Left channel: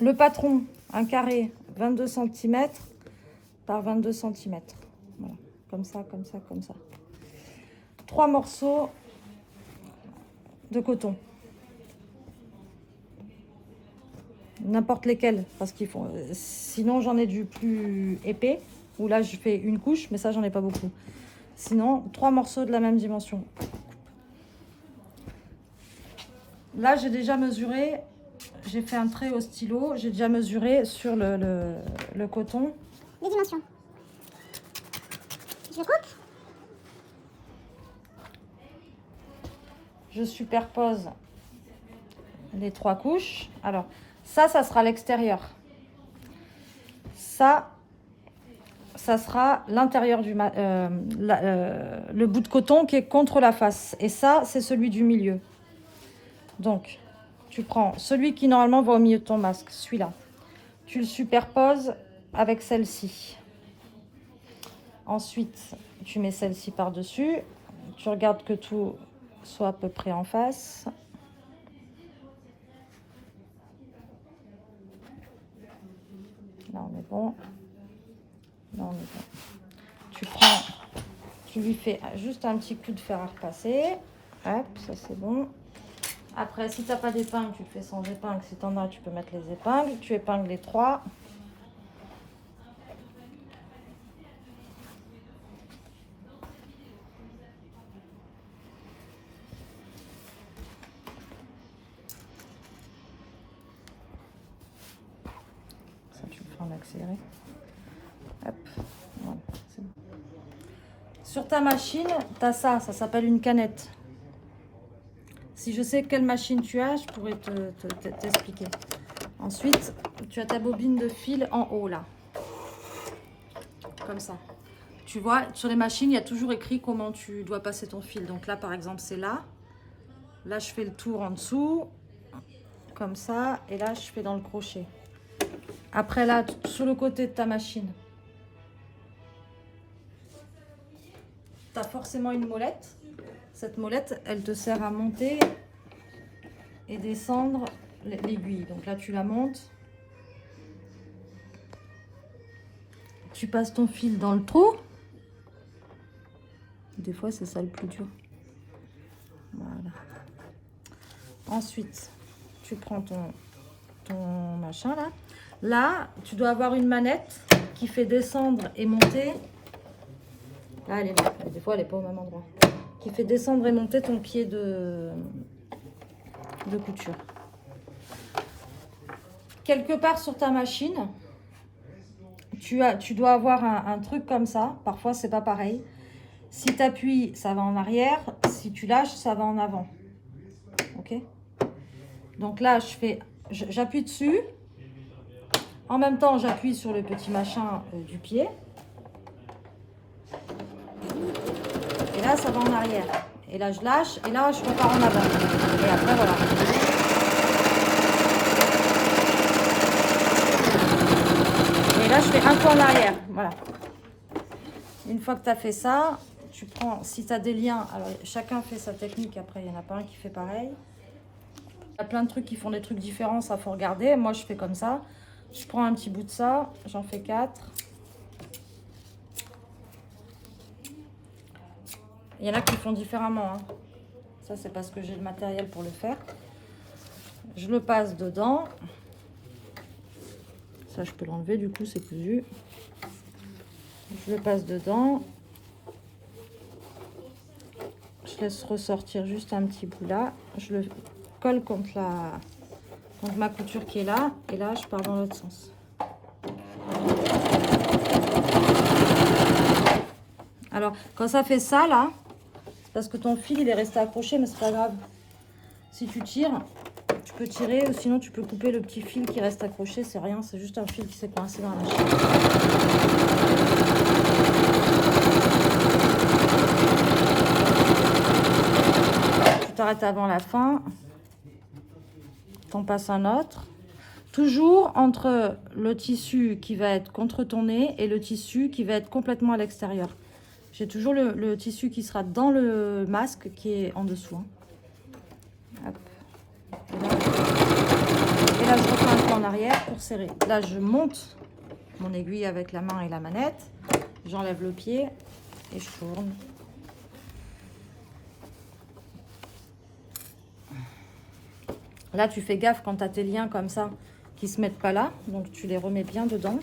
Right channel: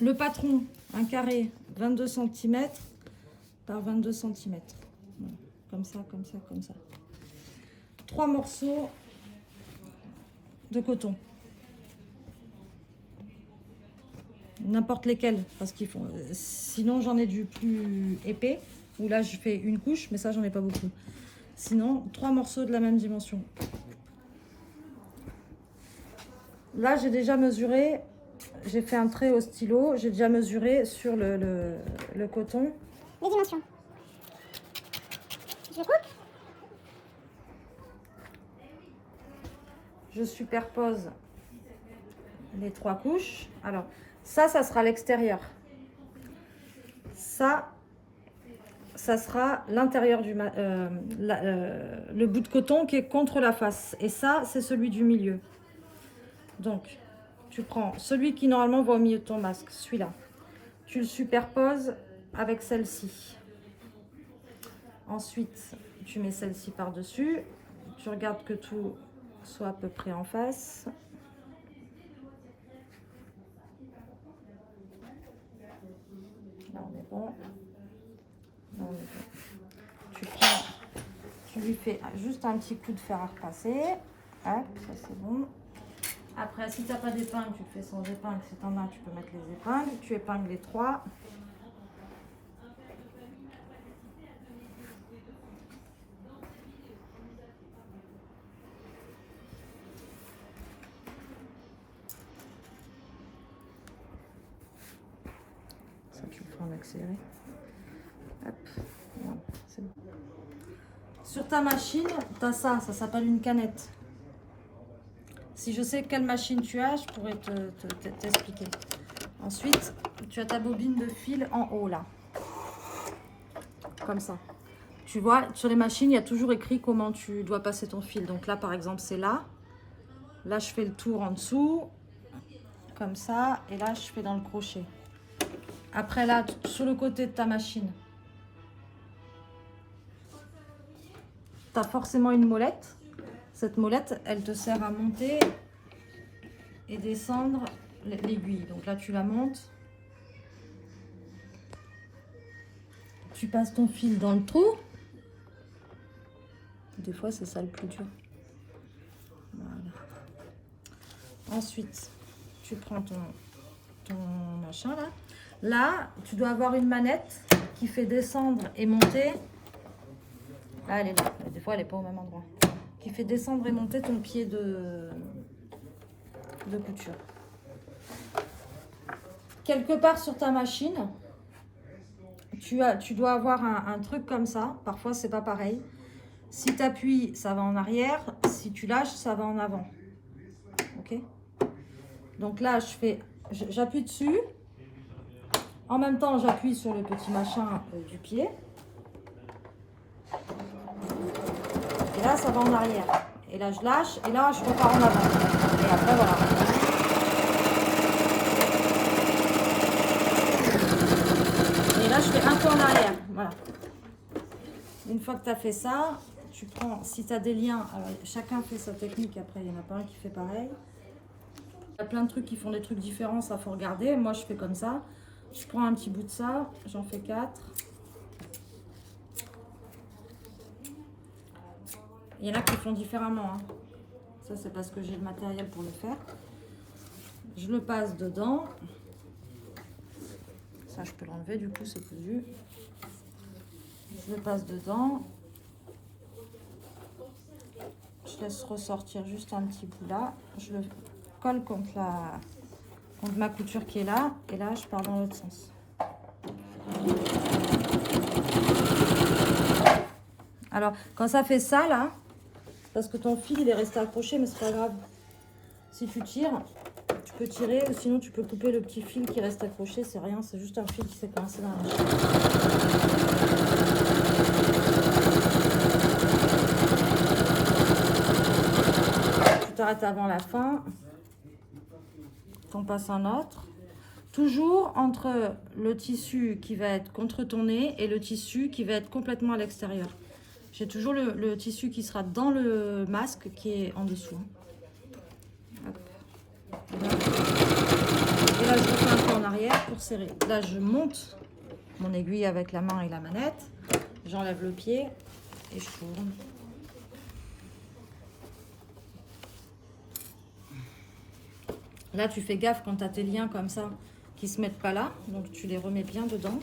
Le patron, un carré 22 cm par 22 cm. Voilà, comme ça, comme ça, comme ça. 3 morceaux de coton. N'importe lesquels, parce qu'ils font. Sinon, j'en ai du plus épais, où là, je fais une couche, mais ça, j'en ai pas beaucoup. Sinon, 3 morceaux de la même dimension. Là, j'ai déjà mesuré, j'ai fait un trait au stylo, j'ai déjà mesuré sur le coton. Les dimensions. Je coupe. Je superpose les 3 couches. Alors, ça sera l'extérieur. Ça sera l'intérieur du le bout de coton qui est contre la face. Et ça, c'est celui du milieu. Donc, tu prends celui qui normalement va au milieu de ton masque, celui-là. Tu le superposes avec celle-ci. Ensuite, tu mets celle-ci par-dessus. Tu regardes que tout soit à peu près en face. Là, on est bon. Là, on est bon. Tu lui fais juste un petit coup de fer à repasser. Hop, ça c'est bon. Après, si tu n'as pas d'épingle, tu le fais sans épingle. Si tu en as, tu peux mettre les épingles. Tu épingles les 3. Ça, tu le feras en accéléré. Hop, voilà, c'est bon. Sur ta machine, tu as ça s'appelle une canette. Si je sais quelle machine tu as, je pourrais t'expliquer. Ensuite, tu as ta bobine de fil en haut là. Comme ça. Tu vois, sur les machines, il y a toujours écrit comment tu dois passer ton fil. Donc là, par exemple, c'est là. Là, je fais le tour en dessous. Comme ça. Et là, je fais dans le crochet. Après, là, sur le côté de ta machine, tu as forcément une molette. Cette molette, elle te sert à monter et descendre l'aiguille. Donc là, tu la montes. Tu passes ton fil dans le trou. Des fois, c'est ça le plus dur. Voilà. Ensuite, tu prends ton machin là. Là, tu dois avoir une manette qui fait descendre et monter. Là, elle est là. Des fois, elle n'est pas au même endroit. Qui fait descendre et monter ton pied de couture. Quelque part sur ta machine, tu dois avoir un truc comme ça. Parfois, c'est pas pareil. Si tu appuies, ça va en arrière. Si tu lâches, ça va en avant. Ok? Donc là, j'appuie dessus. En même temps, j'appuie sur le petit machin du pied. Et là, ça va en arrière. Et là, je lâche. Et là, je repars en avant. Et après, voilà. Et là, je fais un pas en arrière. Voilà. Une fois que tu as fait ça, tu prends, si tu as des liens, alors chacun fait sa technique. Après, il n'y en a pas un qui fait pareil. Il y a plein de trucs qui font des trucs différents. Ça, faut regarder. Moi, je fais comme ça. Je prends un petit bout de ça. J'en fais 4. Il y en a qui font différemment. Hein. Ça, c'est parce que j'ai le matériel pour le faire. Je le passe dedans. Ça, je peux l'enlever, du coup, c'est plus vu. Je le passe dedans. Je laisse ressortir juste un petit bout là. Je le colle contre ma couture qui est là. Et là, je pars dans l'autre sens. Alors, quand ça fait ça, là, parce que ton fil il est resté accroché, mais c'est pas grave. Si tu tires, tu peux tirer, ou sinon tu peux couper le petit fil qui reste accroché, c'est rien, c'est juste un fil qui s'est coincé dans la machine. Tu t'arrêtes avant la fin, t'en passes un autre. Toujours entre le tissu qui va être contre ton nez et le tissu qui va être complètement à l'extérieur. J'ai toujours le tissu qui sera dans le masque qui est en dessous. Hop. Et là, je refais un peu en arrière pour serré. Là, je monte mon aiguille avec la main et la manette. J'enlève le pied et je tourne. Là, tu fais gaffe quand tu as tes liens comme ça qui se mettent pas là. Donc, tu les remets bien dedans.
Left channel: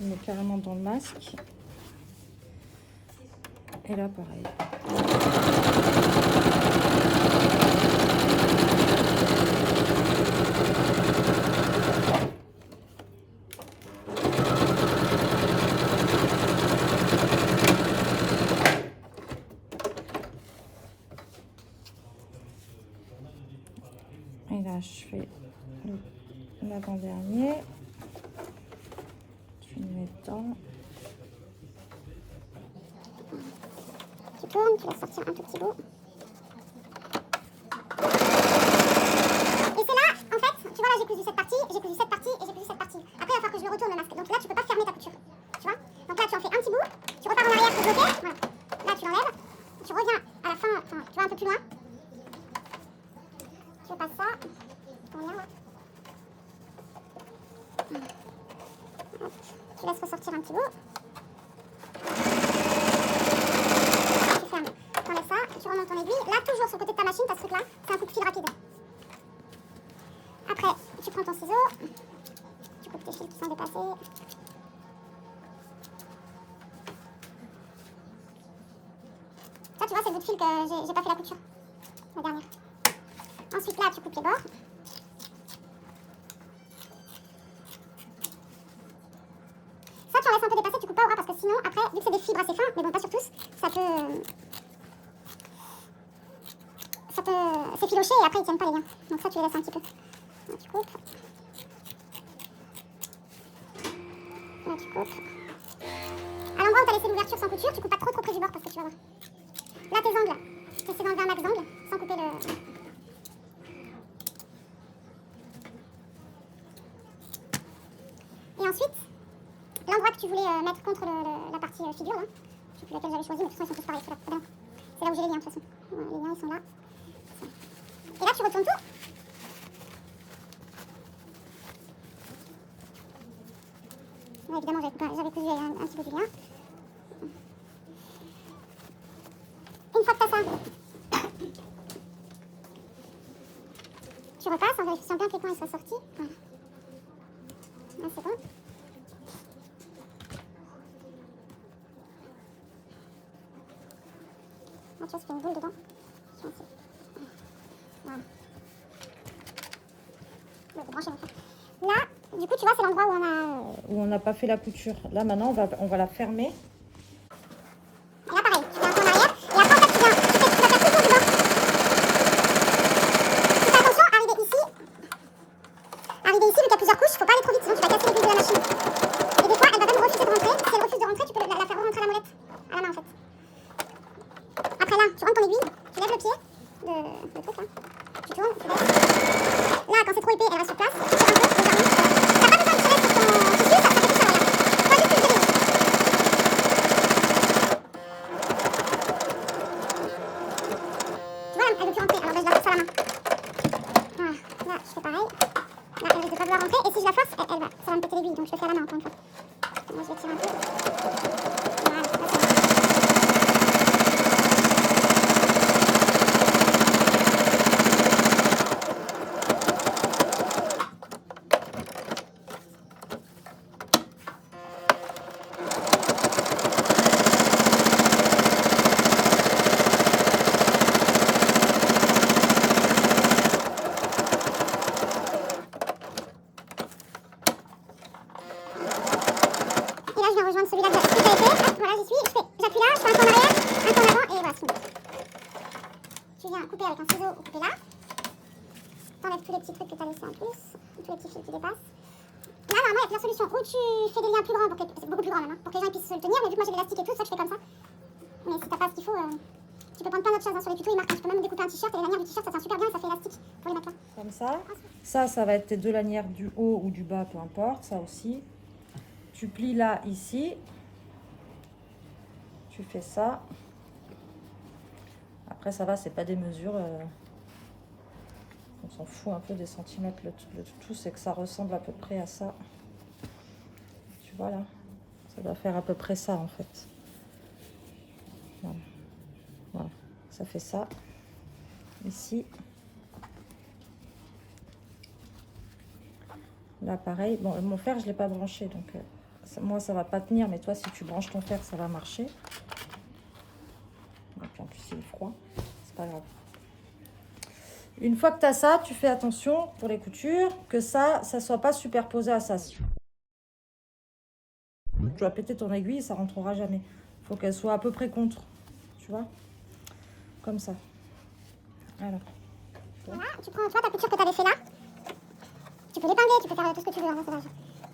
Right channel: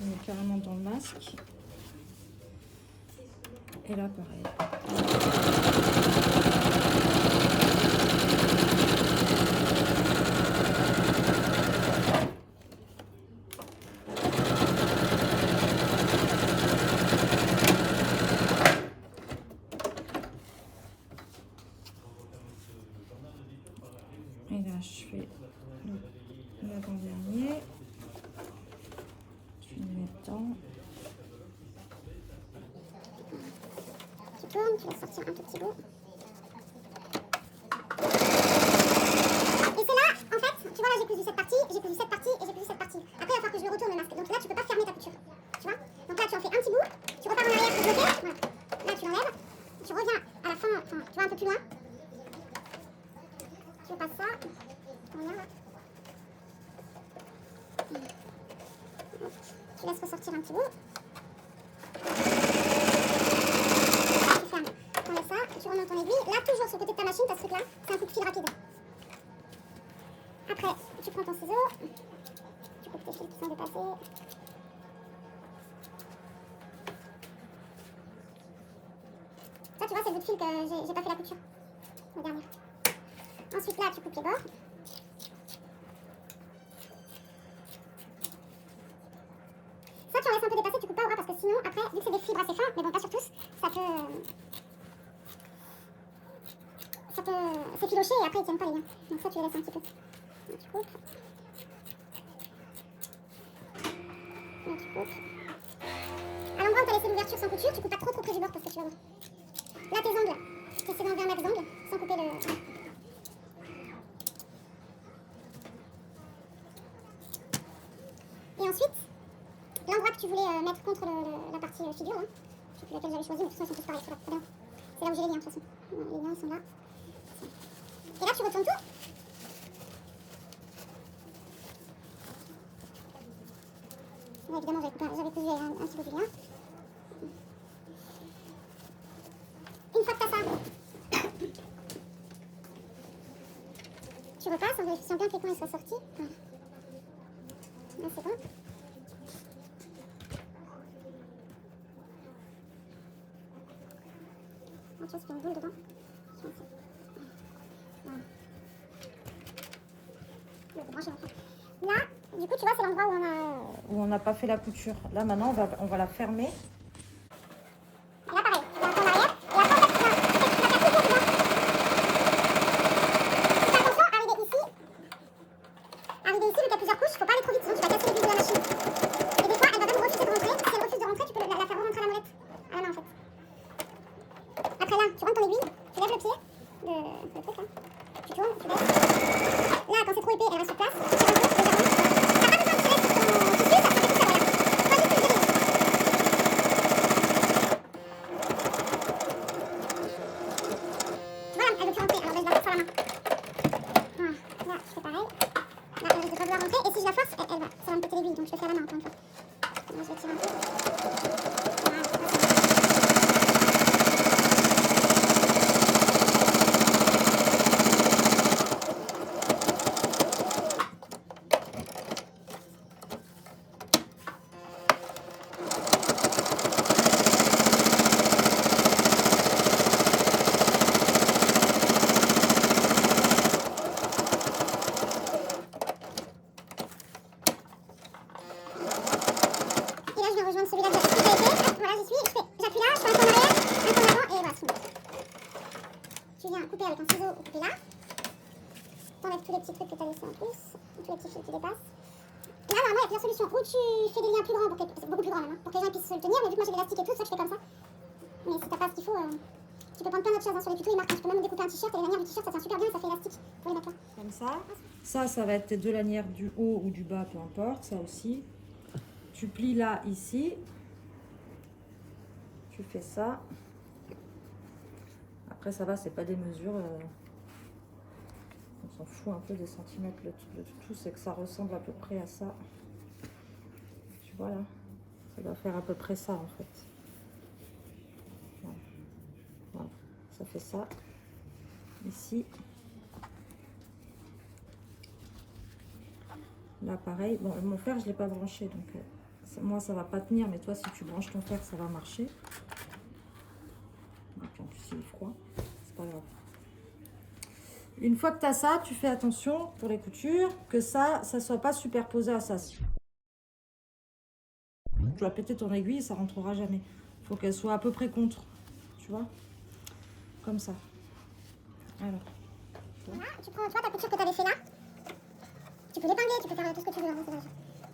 Je mets carrément dans le masque. Et là, pareil. Et là, je fais l'avant-dernier. Tu le mets dedans. Tu tournes, tu laisses sortir un tout petit bout. Et c'est là, en fait, tu vois là j'ai cousu cette partie, j'ai cousu cette partie et j'ai cousu cette partie. Après il va falloir que je le retourne le masque. Donc là tu peux pas fermer ta couture. Tu vois? Donc là tu en fais un petit bout, tu repars en arrière pour bloquer. Voilà. Là tu l'enlèves, tu reviens à la fin, enfin tu vas un peu plus loin. Tu passes ça, ton lien là. Tu laisses ressortir un petit bout. Tu fermes. T'enlèves ça, tu remontes ton aiguille. Là, toujours sur le côté de ta machine, t'as ce truc-là, c'est un coup de fil rapide. Après, tu prends ton ciseau, tu coupes tes fils qui sont dépassés. Ça, tu vois, c'est le bout de fil que j'ai pas fait la couture, la dernière. Ensuite, là, tu coupes les bords. Ça, tu en laisses un peu dépasser, tu coupes pas au ras parce que sinon, après, vu que c'est des fibres assez fins, mais bon, pas sur tous, ça peut s'effilocher et après, ils tiennent pas les liens. Donc ça, tu les laisses un petit peu. Là, tu coupes. Là, tu coupes. À l'endroit où tu as laissé l'ouverture sans couture, tu coupes pas trop près du bord parce que tu vas voir. Là, tes angles, tu essaies d'enlever un max d'angles sans couper le... Et ensuite, l'endroit que tu voulais mettre contre la partie figure, là, je sais plus laquelle j'avais choisi, mais de toute façon, ils sont tous pareils. C'est là où j'ai les liens, de toute façon. Voilà, les liens, ils sont là. Et là, tu retournes tout. Ouais, évidemment, j'avais cousu un petit peu du lien. Une fois que tu as ça, tu repasses en vérifiant bien que les coins ils sont sortis. Voilà. Là, c'est bon. Là, tu vois, ça fait une boule dedans. Voilà. Bon, branchez maintenant. Là, du coup, tu vois, c'est l'endroit Où on n'a pas fait la couture. Là, maintenant, on va la fermer. Là, pareil, tu fais un peu en arrière. Et après, en fait, tu vas faire tout le tour du bord. Tu fais attention, arriver ici, vu qu'il y a plusieurs couches, faut pas aller trop vite, sinon tu vas casser les vis de la machine. Et des fois, elle va même refuser de rentrer. Si elle refuse de rentrer, tu peux la faire rentrer à la molette, à la main en fait. Après là, tu rentres ton aiguille, tu lèves le pied, le truc là, tu tournes, tu baisses. Là, quand c'est trop épais, elle reste sur place. Tu tires un peu, légèrement. T'as pas besoin de tirer sur ton tissu, ça fait tout ça, regarde. Toi, juste une aiguille. Tu vois, elle veut plus rentrer, alors je la force à la main. Voilà, là, je fais pareil. Là, elle risque de pas vouloir rentrer, et si je la force, elle va, ça va me péter l'aiguille, donc je le fais à la main encore une fois. Là, je vais tirer un peu. Voilà, ça va. Et là, je viens rejoindre celui-là qui a été. Hop, voilà, j'y suis. J'appuie là, je fais un pas en arrière, un pas en avant, et voilà, c'est bon. Tu viens couper avec un ciseau ou couper là. T'enlèves tous les petits trucs que tu as laissés en plus, tous les petits fils qui dépassent. Là, normalement, il y a plusieurs solutions. Ou tu fais des liens plus grands, c'est beaucoup plus grand même, hein, pour que les gens puissent se le tenir. Mais vu que moi j'ai l'élastique et tout, ça je fais comme ça. Mais si t'as pas ce qu'il faut, tu peux prendre plein d'autres choses. Hein. Sur les tutos, ils marquent, tu peux même découper un t-shirt et les lanières du t-shirt, ça tient super bien, ça fait élastique pour les mettre là. Comme ça. Ça va être tes deux lanières du haut ou du bas, peu importe. Ça aussi. Tu plies là, ici. Tu fais ça. Après, ça va, c'est pas des mesures. Donc On s'en fout un peu des centimètres. Le tout, c'est que ça ressemble à peu près à ça. Tu vois là? Ça doit faire à peu près ça en fait. Voilà. Voilà. Ça fait ça. Ici. Là pareil. Bon, mon fer, je ne l'ai pas branché. Donc moi, ça va pas tenir. Mais toi, si tu branches ton fer, ça va marcher. Et puis en plus, il est froid. C'est pas grave. Une fois que tu as ça, tu fais attention pour les coutures que ça soit pas superposé à ça. Tu vas péter ton aiguille, ça rentrera jamais. Il faut qu'elle soit à peu près contre, tu vois, comme ça. Voilà. Voilà, tu vois ta couture que tu avais fait là. Tu peux l'épingler, tu peux faire tout ce que tu veux. Moi, ça va, je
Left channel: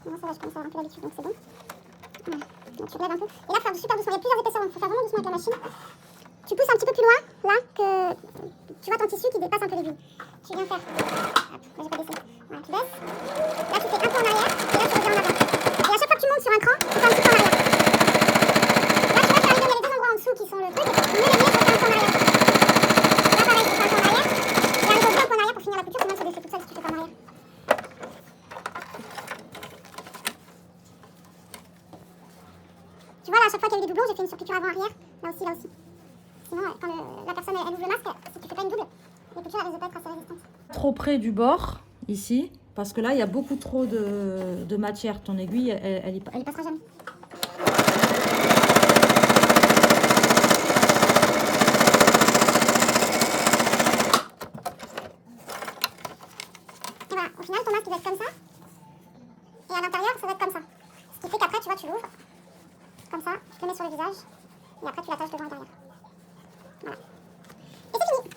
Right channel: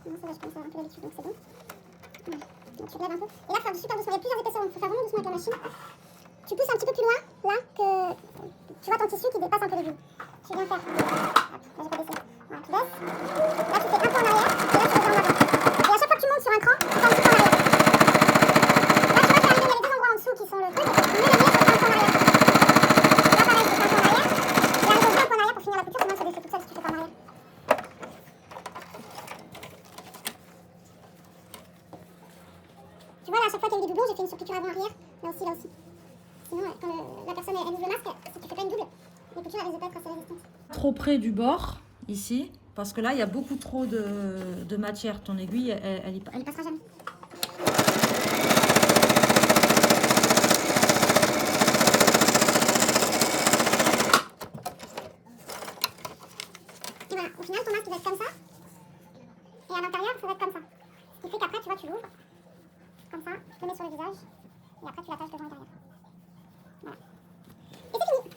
commence à avoir un peu l'habitude, donc c'est bon. Voilà. Donc tu relèves un peu. Et là, faire super doucement. Il y a plusieurs épaisseurs, donc il faut faire vraiment doucement avec la machine. Tu pousses un petit peu plus loin, là, que tu vois ton tissu qui dépasse un peu l'aiguille. Tu viens faire. Hop, là, j'ai pas baissé. Voilà, tu baisses. Là, tu fais un peu en arrière, et là, tu reviens en avant. Et à chaque fois que tu montes sur un cran, tu fais un petit peu en arrière. Là, tu vois, il y a les deux endroits en dessous qui sont le truc. Mais le mieux, c'est un peu en arrière. Là, pareil, tu fais un peu en arrière. Et arrive un peu en arrière pour finir la couture, sinon ça défait toute seule si tu fais pas en arrière. Tu vois, là, à chaque fois qu'il y a eu des doublons, j'ai fait une surpiqûre avant-arrière. Là aussi, là aussi. Sinon, quand la personne elle ouvre le masque, si tu fais pas une double, les coutures elles risquent de pas être assez résistantes. Trop près du bord, ici, parce que là, il y a beaucoup trop de matière. Ton aiguille, elle y passe. Elle y passera jamais. Et voilà, au final, ton masque il va être comme ça. Et à l'intérieur, ça va être comme ça. Ce qui fait qu'après, tu vois, tu l'ouvres. Comme ça, tu te le mets sur le visage. Et après, tu l'attaches devant et derrière. Voilà. Et c'est fini.